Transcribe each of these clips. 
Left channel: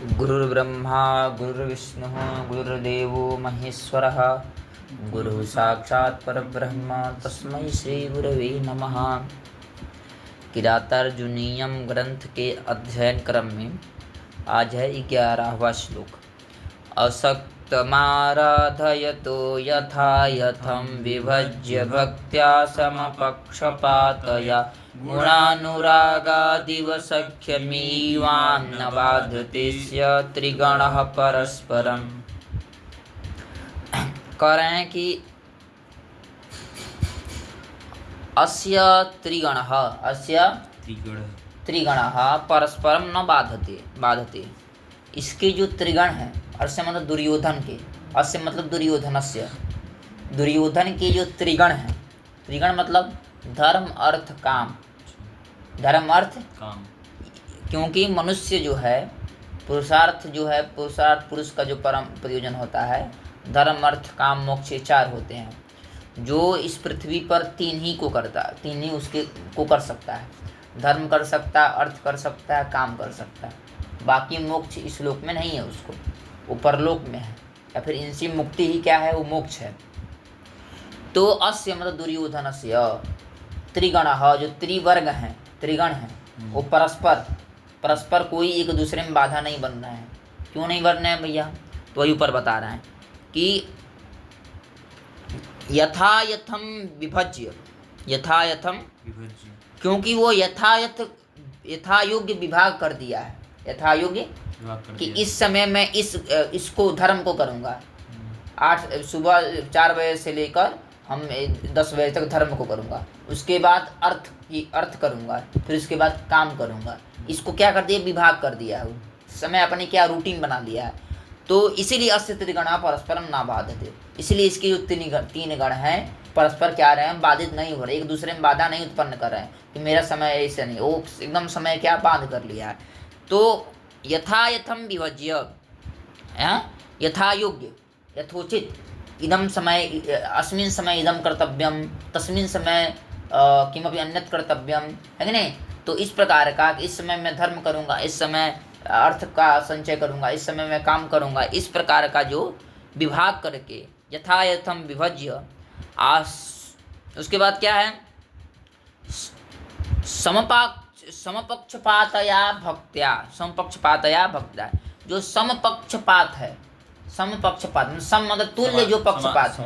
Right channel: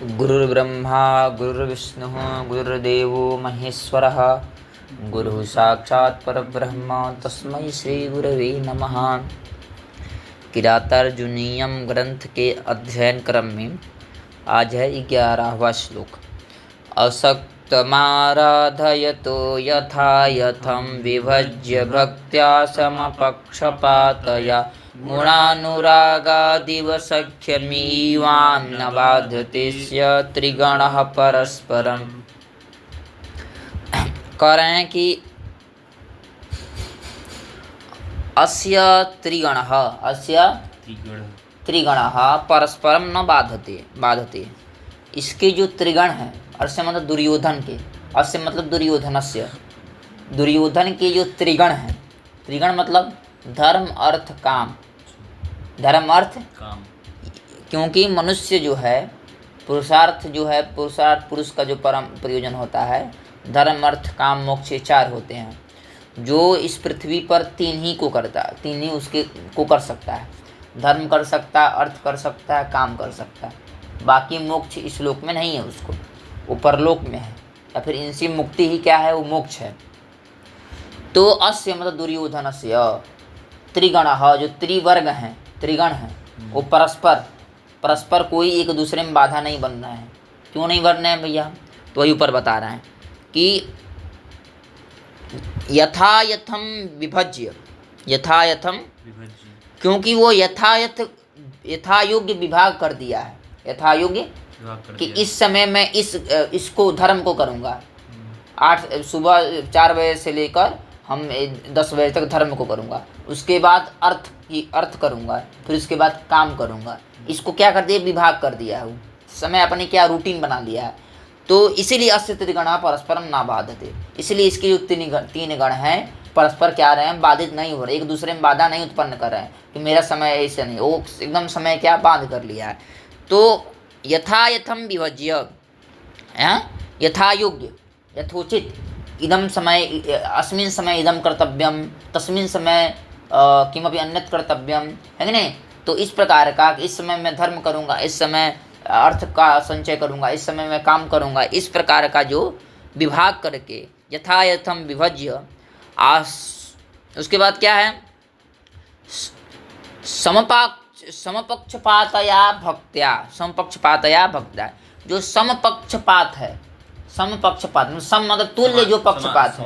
गुरुर्ब्रह्मा गुरुर्विष्णुः गुरुर्देवो महेश्वरः गुरुः साक्षात् परब्रह्म तस्मै श्री गुरवे नमः। किरातार्जुनीयम ग्रंथ के अध्ययन क्रम में आज है 11वां श्लोक। असक्तमाराधयतो यथा यथं विभज्य भक्त्या समपक्षपातया गुणानुरागादिव सख्यमीवान्न बाधते स्य त्रिगणः परस्परम्। कह रहे हैं कि अस्य त्रिगणः परस्परम न बाधते। इसके जो त्रिगण हैं, अस्य मतलब दुर्योधन के, अस्य मतलब दुर्योधनस्य, दुर्योधन के जो त्रिगण हैं, त्रिगण मतलब धर्म अर्थ काम, धर्म अर्थ काम। क्योंकि मनुष्य जो है पुरुषार्थ पुरुष का जो परम प्रयोजन होता है, धर्म अर्थ काम मोक्ष, चार होते हैं। जो इस पृथ्वी पर तीन ही उसके को कर सकता है। धर्म कर सकता है, अर्थ कर सकता है, काम कर सकता है। बाकी मोक्ष इस लोक में नहीं है, उसको वो परलोक में है, या फिर इनसे मुक्ति ही क्या है, वो मोक्ष है। तो अस्य मतलब दुर्योधनस्य त्रिगणः, जो त्रिवर्ग हैं, त्रिगण हैं, वो परस्पर कोई एक दूसरे में बाधा नहीं बन रहे हैं। क्यों नहीं बन रहे हैं भैया? तो वही ऊपर बता रहे हैं कि यथायथम विभज्य, क्योंकि वो यथायोग्य विभाग कर दिया है। यथायोग्य कि इस समय मैं इसको धर्म को करूँगा, सुबह 4 बजे से लेकर हम 10 बजे तक धर्म को करूँगा, उसके बाद अर्थ करूँगा, फिर उसके बाद काम करूँगा। इसको क्या कर दिया, विभाग कर दिया है, समय अपने क्या रूटीन बना लिया है। तो इसीलिए अस्य त्रिगणः परस्परम न बाधते, इसलिए इसके जो तीन गण हैं परस्पर क्या रहे हैं, बाधित नहीं हो रहे, एक दूसरे में बाधा नहीं उत्पन्न कर रहे हैं कि मेरा समय ऐसा नहीं, वो एकदम समय क्या बांध कर लिया है। तो यथायथम विभज्य, यथायोग्य, यथोचित, इदम समय अस्मिन् समय इदम कर्तव्यम, तस्मिन् समय किमपि अन्यत् कर्तव्यम, है कि नहीं। तो इस प्रकार का, इस समय मैं धर्म करूँगा, इस समय अर्थ का संचय करूँगा, इस समय मैं काम करूँगा, इस प्रकार का जो विभाग करके यथायथम विभज्य। उसके बाद क्या है, समपक्षपातया भक्त्या, जो समपक्षपात है, समपक्षपात मतलब तुल्य जो पक्षपात है।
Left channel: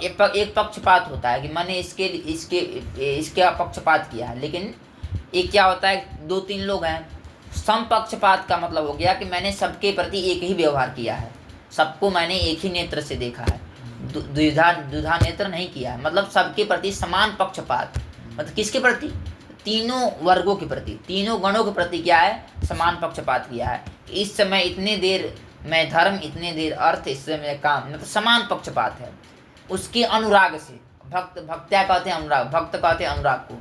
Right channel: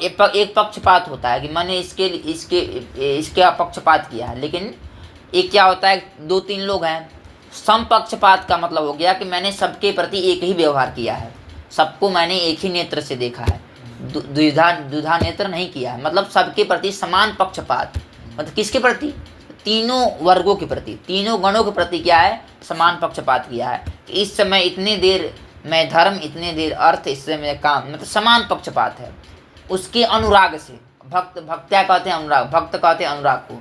एक पक्षपात होता है कि मैंने इसके पक्षपात किया है, लेकिन एक क्या होता है, 2-3 लोग हैं। समपक्षपात का मतलब हो गया कि मैंने सबके प्रति एक ही व्यवहार किया है, सबको मैंने एक ही नेत्र से देखा है, द्विधा नेत्र नहीं किया है। मतलब सबके प्रति समान पक्षपात, मतलब किसके प्रति, तीनों वर्गों के प्रति, तीनों गणों के प्रति क्या है, समान पक्षपात किया है। इस समय इतनी देर मैं धर्म, इतनी देर अर्थ, इस समय काम, मतलब समान पक्षपात है। उसके अनुराग से, भक्त्या कहते हैं अनुराग, भक्त कहते हैं अनुराग को।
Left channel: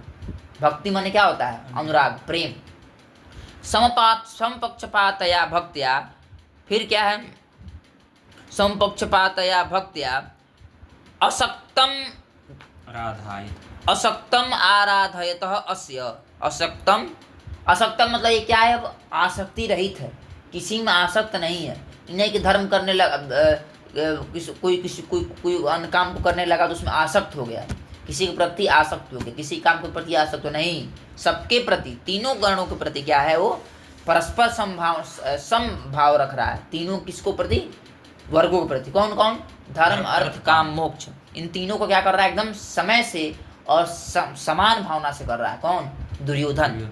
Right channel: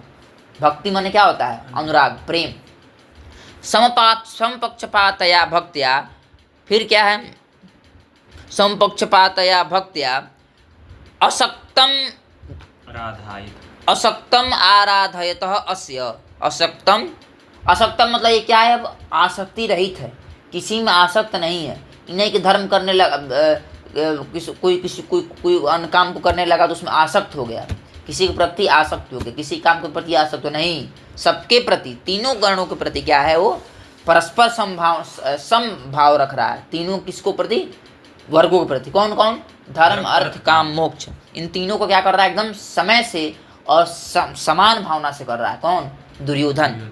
भक्ति माने क्या होता है, अनुराग, प्रेम। समपक्षपातया भक्त्या, फिर क्या है, समपक्षपातया भक्त्या असक्तम आराधयतः अस्य। असक्तम मतलब ये क्या है, अब आसक्ति रहित है, किसी में आसक्त नहीं है। नहीं कि धर्म करने लगा, कोई अन्य काम को करने लगा तो उसमें आसक्त हो गया, किसी के प्रति आसक्त हो गया, किसी काम के प्रति आसक्त हो नहीं, सबके प्रति, तीनों गणों के प्रति क्या है, वो परस्पर समभाव रख रहा है। तीनों किसको प्रति, वर्गों के प्रति। कौन कौन, धर्म अर्थ काम मोक्ष, इन तीनों को क्या कर रहा है, एकदम समय से और समान भावना से कर रहा है। कौन, दुर्योधन।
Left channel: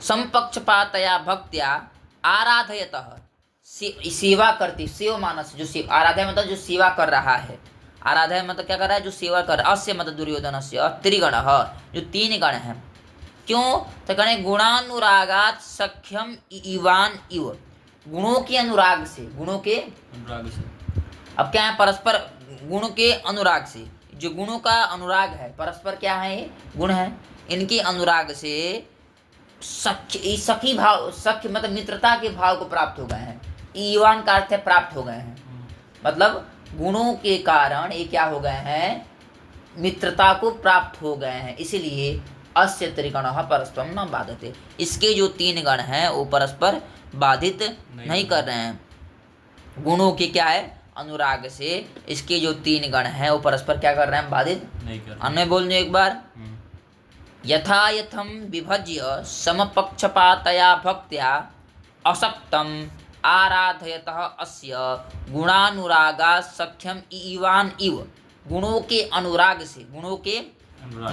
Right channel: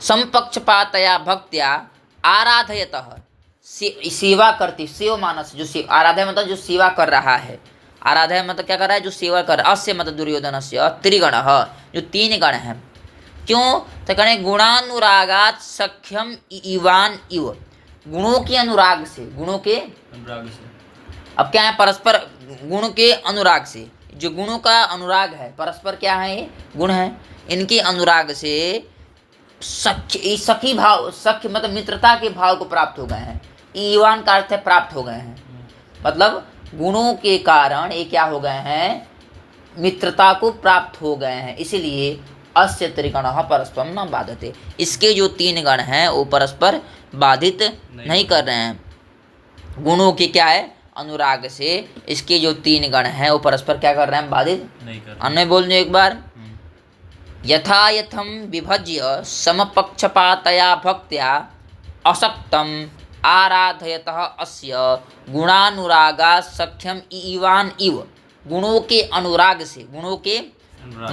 समपक्षपातया भक्त्या आराधयतः, सेवा करती, सेव मानस, जो आराधय मतलब जो सेवा कर रहा है, आराधय मतलब क्या कर रहा है, जो सेवा कर रहा है। अस्य मतलब दुर्योधनस्य त्रिगणः, जो 3 गण हैं। क्यों, तो कहने गुणानुरागात सख्यम इवान इव, गुणों के अनुराग से, अब क्या है, परस्पर गुण के अनुराग से, जो गुणों का अनुराग है, परस्पर क्या है, ये गुण है, इनके अनुराग से सखी भाव, सख्य मतलब मित्रता के भाव को प्राप्त हो गए हैं। ईवान का अर्थ है प्राप्त हो गए हैं, मतलब गुणों के कारण ये क्या हो गए हैं, मित्रता को प्राप्त हो गए हैं। इसलिए अस्य त्रिगणः परस्परम न बाधते, इसके जो 3 गण हैं वो परस्पर बाधित नहीं कर रहे हैं। गुणों के क्या है, अनुराग से इसके जो तीन गण हैं वो परस्पर क्या कर रहे हैं, बाधित नहीं कर रहे। अन्य बोल दो एक बार। यथा यथम विभज्य समपक्षपातया भक्त्या असक्तम आराधयतः अस्य गुणानुरागा सख्यम इवान इव। गुणों के अनुराग से, गुणों के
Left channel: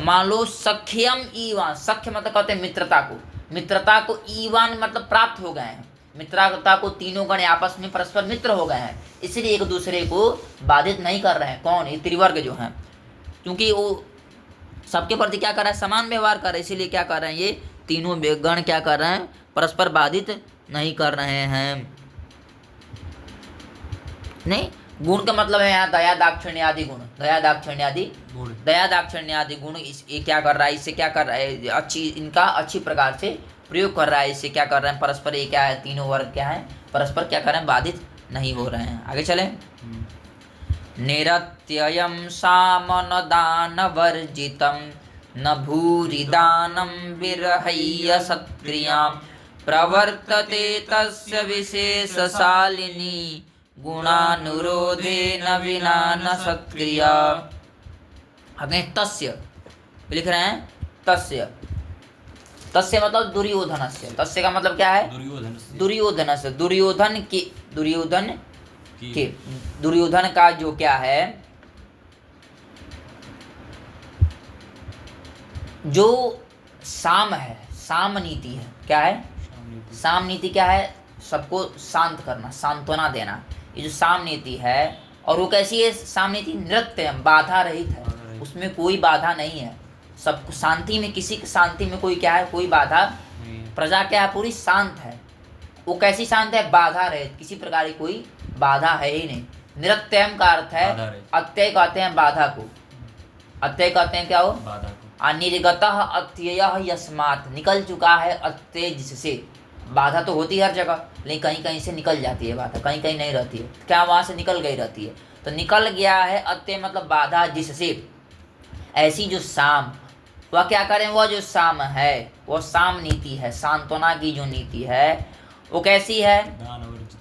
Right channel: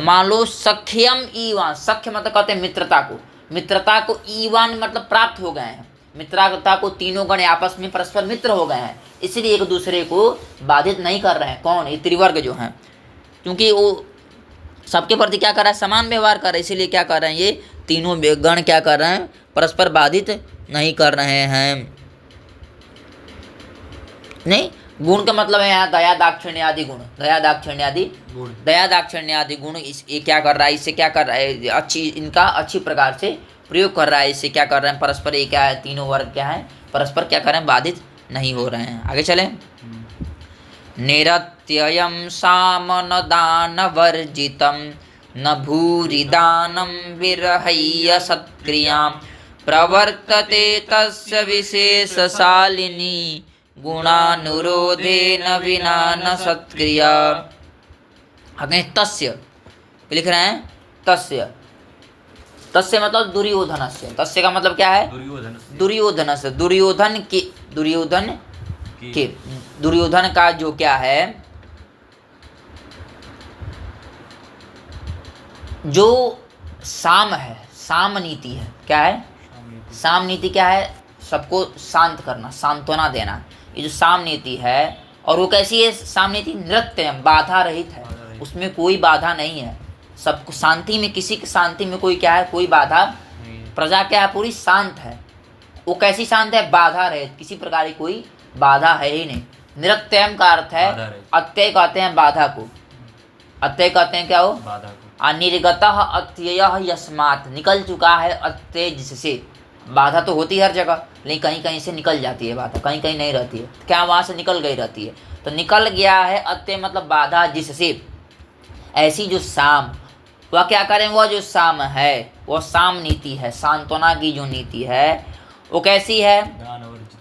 मान लो सख्यम ईवान, सख्य मतलब कहते हैं मित्रता को, मित्रता को ईवान मतलब प्राप्त हो गए हैं, मित्रता को तीनों गण आपस में परस्पर मित्र हो गए हैं, इसलिए एक दूसरे को बाधित नहीं कर रहे हैं। कौन, ये त्रिवर्ग जो हैं, क्योंकि वो सबके प्रति क्या कर रहा है, समान व्यवहार कर रहे हैं, इसीलिए क्या कर रहे हैं, ये तीनों गण क्या कर रहे हैं, परस्पर बाधित नहीं कर रहे हैं। नहीं, गुण का मतलब है यहाँ दया दाक्षिण्य आदि गुण, दया दाक्षिण्य आदि गुण, दया दाक्षिण्य आदि गुण ये क्या कर रहा है, इससे क्या कर रहा है, अच्छी इनका अच्छी प्रकार से प्रयोग कर रहा है, इससे क्या कर रहे हैं, परस्पर ये क्या है, तीनों वर्ग क्या है, परस्पर क्या कर रहे हैं, बाधित नहीं हो रहे हैं। आगे चले। निरत्ययं सामन दान वर्जितम न भूरि दानम विरहय्य सत्क्रियां प्रवर्तते तस्य विशेषशालिनी गुणानुरोधेन विना न सत्क्रिया। अग्नि तस्य लिख रहे हैं, तस्य, तस्य मतलब दुर्योधनस्य, तस्य का मतलब क्या है, दुर्योधनस्य, दुर्योधन के, दुर्योधन का जो क्या है, जो साम है, साम नीति है, क्या है, साम नीति क्या है, सबको शांत करना, सांत्वना देना, ये जो साम नीति है। और वो कैसी है, साम नीति नृत्य बाधा रहित है, उसमें कोई बाधा नहीं है, सबको शांति में, किसी की शांति में कोई क्या है, कोई बाधा, प्रजा क्या है, पूरी शांत है। वो कैसी शांत है, बाधा रहित, किसी प्रकार की कोई बाधा है ही नहीं। निरत्यम का अर्थ है, अत्यय कहते हैं बाधा को, अत्यय कहते हैं क्या हो, बाधा को। अनिर्गतः अत्ययः यस्मात्, निकल चुका है अत्यय जिससे, बाधा तो होती है हर जगह, लेकिन कहीं कहीं से निकल जाती है बाधा, कहीं कहीं नहीं रहती है, क्या वहाँ से निकल गई रहती है, तो निकल गया है अत्यय मतलब बाधा जिससे। ऐसी जो साम, वह क्या करें, वह जो साम है वह साम नीति है, सांत्वना की जो नीति है वो कैसी है,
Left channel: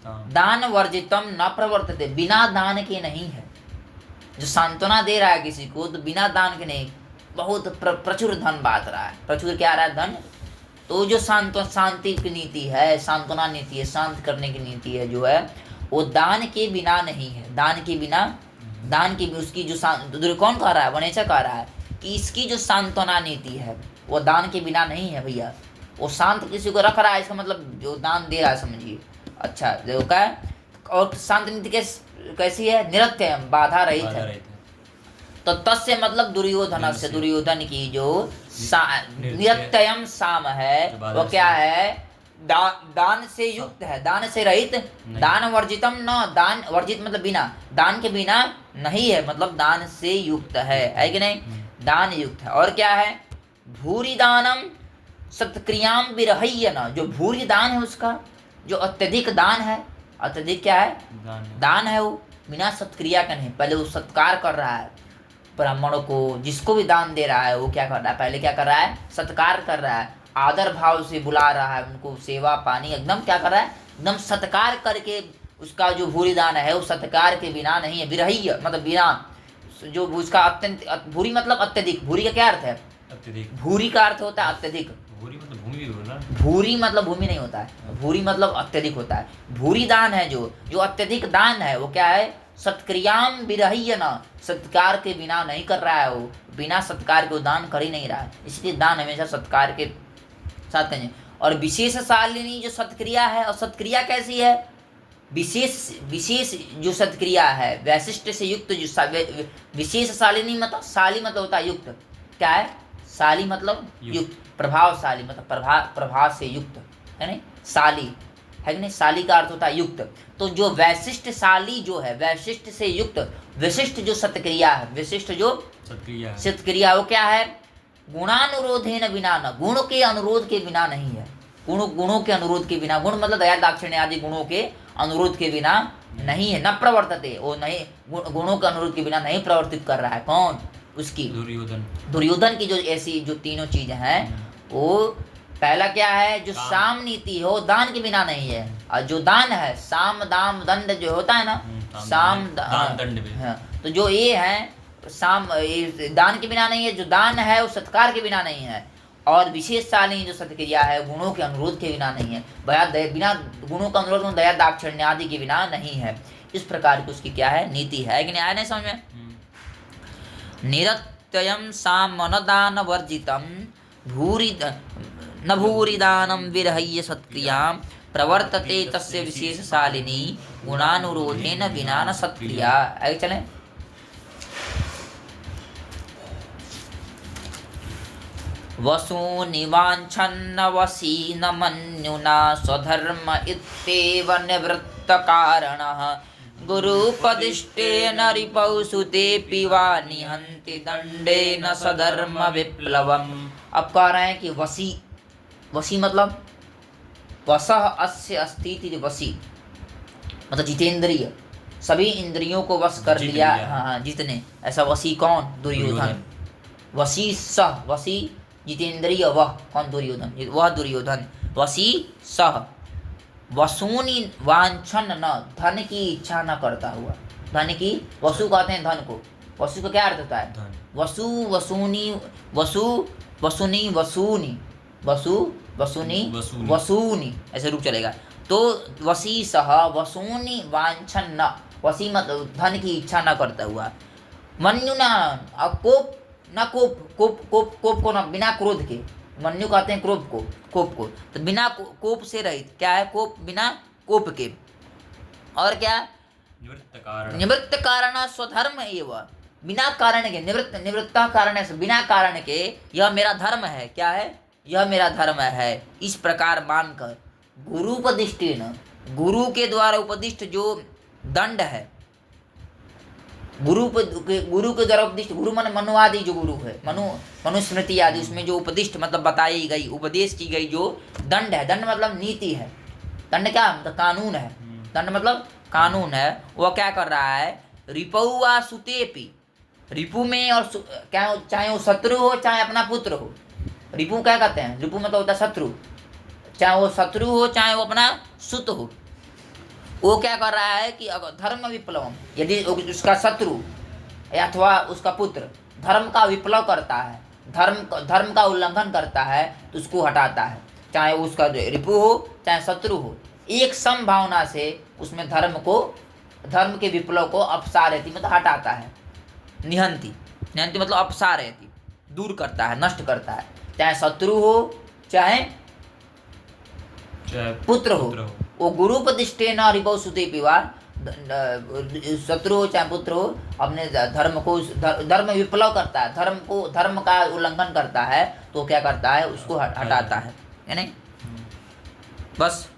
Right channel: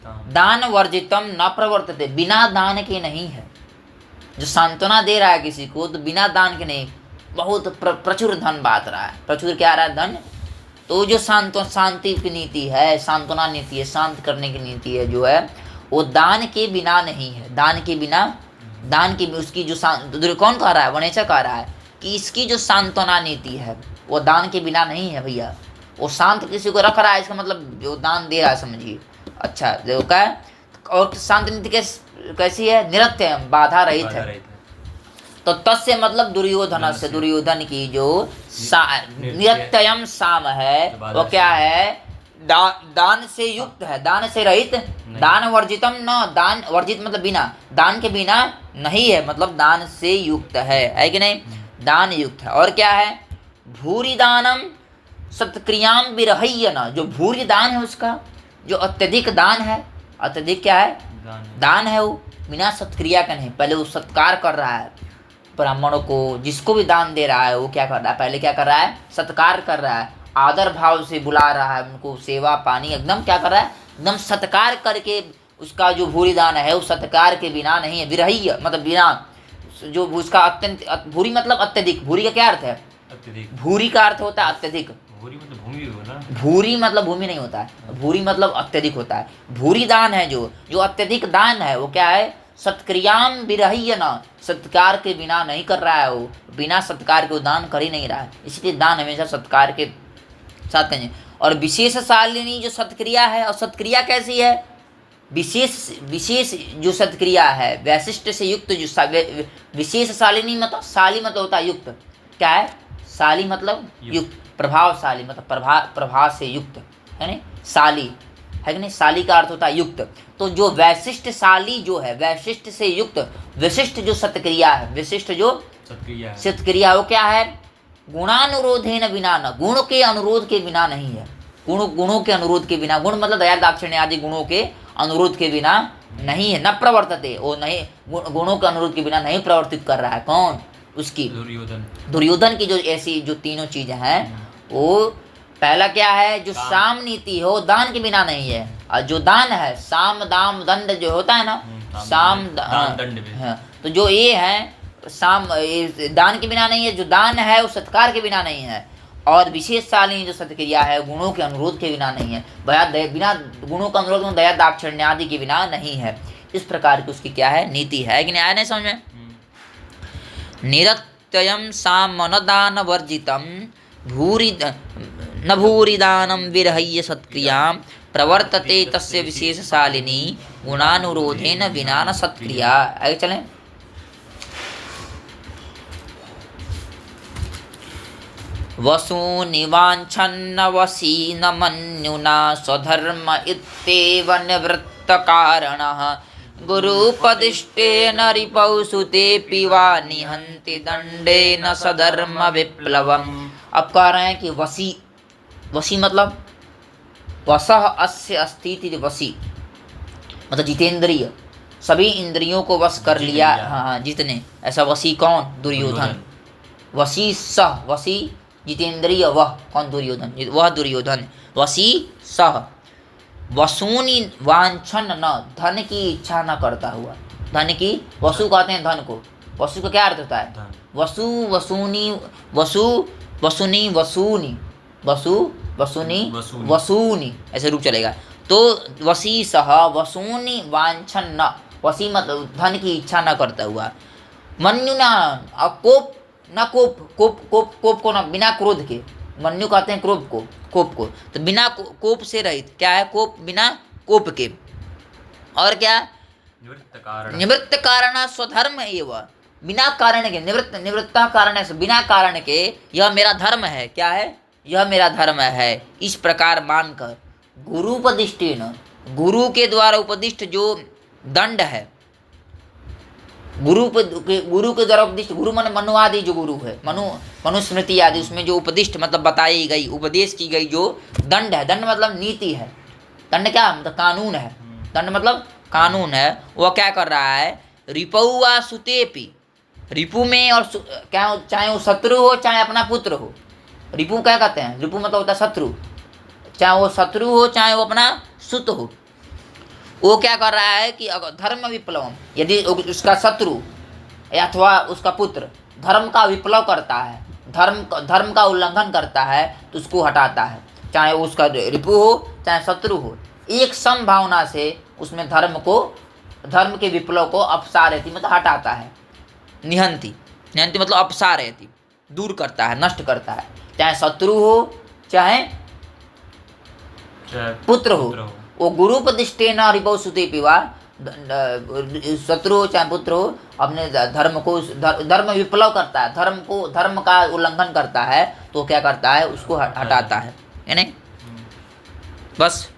दान वर्जितम न प्रवर्तते, बिना दान के नहीं है। जो सांत्वना दे रहा है किसी को तो बिना दान के नहीं, बहुत प्रचुर धन बांट रहा है, प्रचुर क्या आ रहा है, धन। तो जो शांति की नीति है, सांत्वना नीति है, शांत करने की नीति है जो है, वो दान के बिना नहीं है, दान के बिना, दान की उसकी जो कौन कह रहा है, वनेचा कह रहा है कि इसकी जो सांत्वना नीति है वो दान के बिना नहीं है भैया। वो शांत किसी को रख रहा है, इसका मतलब जो दान दे रहा है, समझिए। अच्छा देखो क्या है, और शांत नीति कैसी है, निरत्य बाधा रहित है। तो तस्य मतलब दुर्योधन से, दुर्योधन की जो निरत्यम साम है वो क्या है, दान से युक्त है, दान से रहित, दान वर्जितम न, दान वर्जित मतलब बिना, दान के बिना नहीं है, मतलब दान से युक्त है कि नहीं, दान युक्त है। और क्या है, भूरि दानम सत्क्रियाम विरहय्य न, जो भूरि दान है उसका, जो अत्यधिक दान है, अत्यधिक क्या है, दान है, वो बिना सत्क्रिया का नहीं, पहले वो सत्कार कर रहा है ब्राह्मणों को, जिसको भी दान दे रहा है वो क्या कर रहा है, पहले क्या कर रहा है, सत्कार कर रहा है, आदर भाव से बुला रहा है उनको, सेवा पानी एकदम क्या कर रहा है, एकदम सत्कार करके उसका जो भूरि दान है वो सत्कार के बिना नहीं है। विरहय्य मतलब बिना, जो उसका अत्यंत, भूरि मतलब अत्यधिक, भूरि का क्या अर्थ है, अत्यधिक, भूरि का अर्थ होता है अत्यधिक, भूरि मतलब भूमि होता है, भूरि मतलब भूमि नहीं होता है, भूरि मतलब अत्यधिक होता है। भूरि दान है जो अत्यधिक दान है वो क्या है, सत्क्रियाम विरहय्य न, सत्कार के बिना नहीं कर रहा है, वो बिना सत्कार के वो दान कर ही नहीं रहा है, इसलिए दान हमेशा सत्कार के साथ करें। और विशेष शालिनी जो सत्क्रिया है, और सत्क्रिया कैसी है, विशेष जो सत्क्रिया है, वैशिष्ट से युक्त जो विशेष शालिनी मतलब, शाली मतलब होता है युक्त, क्या है, शाली मतलब युक्त, प्रभावशाली मतलब प्रभाव से युक्त है नहीं, शाली है कि नहीं, शाली का अर्थ होता है युक्त। तो जो वैशिष्ट शाली जो है, वैशिष्ट से युक्त, विशिष्ट जो सत्क्रिया है, विशिष्ट जो सत्क्रिया वो क्या है, गुणानुरोधेन बिना न, गुण के अनुरोध के बिना नहीं है, गुणों के अनुरोध के बिना, गुण मतलब दया दाक्षिण्य आदि गुणों के अनुरोध के बिना नहीं है, न प्रवर्तते, वो नहीं, गुणों के अनुरोध के बिना नहीं प्रवर्तित कर रहा है। कौन, उसकी दुर्योधन की जो ऐसी जो तीनों चीजें हैं वो पहला क्या है, जो साम नीति हो दान के बिना नहीं है, और जो दान है साम दाम दंड जो होता है ना, साम दान दंड भी। हाँ, तो जो ये है साम ये दान के बिना नहीं है, जो दान है वो सत्कार के बिना नहीं है, और विशेष शालीन जो सत्क्रिया है गुणों के अनुरोध के बिना नहीं है, बिना गुणों का अनुरोध में दया दाक्षिण्य आदि के बिना नहीं है। इस प्रकार की उसकी क्या है, नीति है कि नहीं, आया नहीं समझ में। निरत्ययं सामनदान वर्जितं भूरि न भूरिदानं विरहय्य सत्क्रियां प्रवर्तते तस्य विशेषशालिनी गुणानुरोधेन विना न सत्क्रिया। आगे चलें। वसूनि वाञ्छन्न वसी न मन्युना स्वधर्म इत्येव निवृत्तकारणः गुरुपदिष्टेन रिपौ सुतेऽपि वा निहन्ति दण्डेन सधर्म विप्लवम्। अब कह रहे हैं कि वसी, वसी मतलब वसः अस्य अस्ति इति वसी, मतलब जितेंद्रिय, सभी इंद्रियों को वश कर लिया। हाँ, जितने, ऐसा वसी कौन, दुर्योधन। वसी सह, वसी जितेंद्रिय वह कौन, दुर्योधन, वह दुर्योधन। वसी सह वसूनि वांछन न, धन की इच्छा न करता हुआ, धन की, वसु कहते हैं धन को, वसु का क्या अर्थ होता है, वसु वसूनी, वसु वसुनी वसूनी, वसु वसुनी वसूनी, ऐसे रूप चलेगा। तो वसी सह वसूनि वांछन न, वसी मतलब धन की इच्छा न करता हुआ, मन्युना, अब कोप न, कोप को न, बिना क्रोध के, मन्यु कहते हैं क्रोध को, कोप को, तो बिना कोप से रहित, क्या है कोप, बिना कोप के, और क्या, निवृत्त कारण स्वधर्म एवं, बिना कारण के, निवृत्त कारण से, बिना कारण के, यह मेरा धर्म है, क्या है, यह मेरा धर्म है, इस प्रकार मानकर गुरुपदिष्टेन, गुरु के द्वारा उपदिष्ट जो दंड है, गुरु के द्वारा उपदिष्ट, गुरु मन मनु आदि जो गुरु है, मनुस्मृति आदि, उसमें जो उपदिष्ट मतलब बताई गई, उपदेश की गई जो दंड है, दंड मतलब नीति है, दंड क्या मतलब कानून है, दंड मतलब कानून है, वह क्या कर रहा है, रिपौआ सुतेपि, रिपु में, और क्या, चाहे वो शत्रु हो चाहे अपना पुत्र हो, रिपु क्या कहते हैं, रिपु मतलब होता है शत्रु, चाहे वो शत्रु हो चाहे वो अपना सुत हो, वो क्या कर रहा है कि अगर धर्म विप्लव, यदि उसका शत्रु अथवा उसका पुत्र धर्म का विप्लव करता है, धर्म का उल्लंघन करता है, तो उसको हटाता है, चाहे वो उसका रिपु हो चाहे शत्रु हो, एक संभावना से उसमें धर्म के विप्लव को अपसारयति मतलब हटाता है, निहंति मतलब अपसारयति, दूर करता है, नष्ट करता है, चाहे शत्रु हो चाहे पुत्र हो, वो गुरुपदिष्टेन रिपौ सुते पिवा, शत्रु हो चाहे पुत्र हो, अपने धर्म विप्लव करता है, धर्म का उल्लंघन करता है, तो क्या करता है, उसको हटाता है नहीं। बस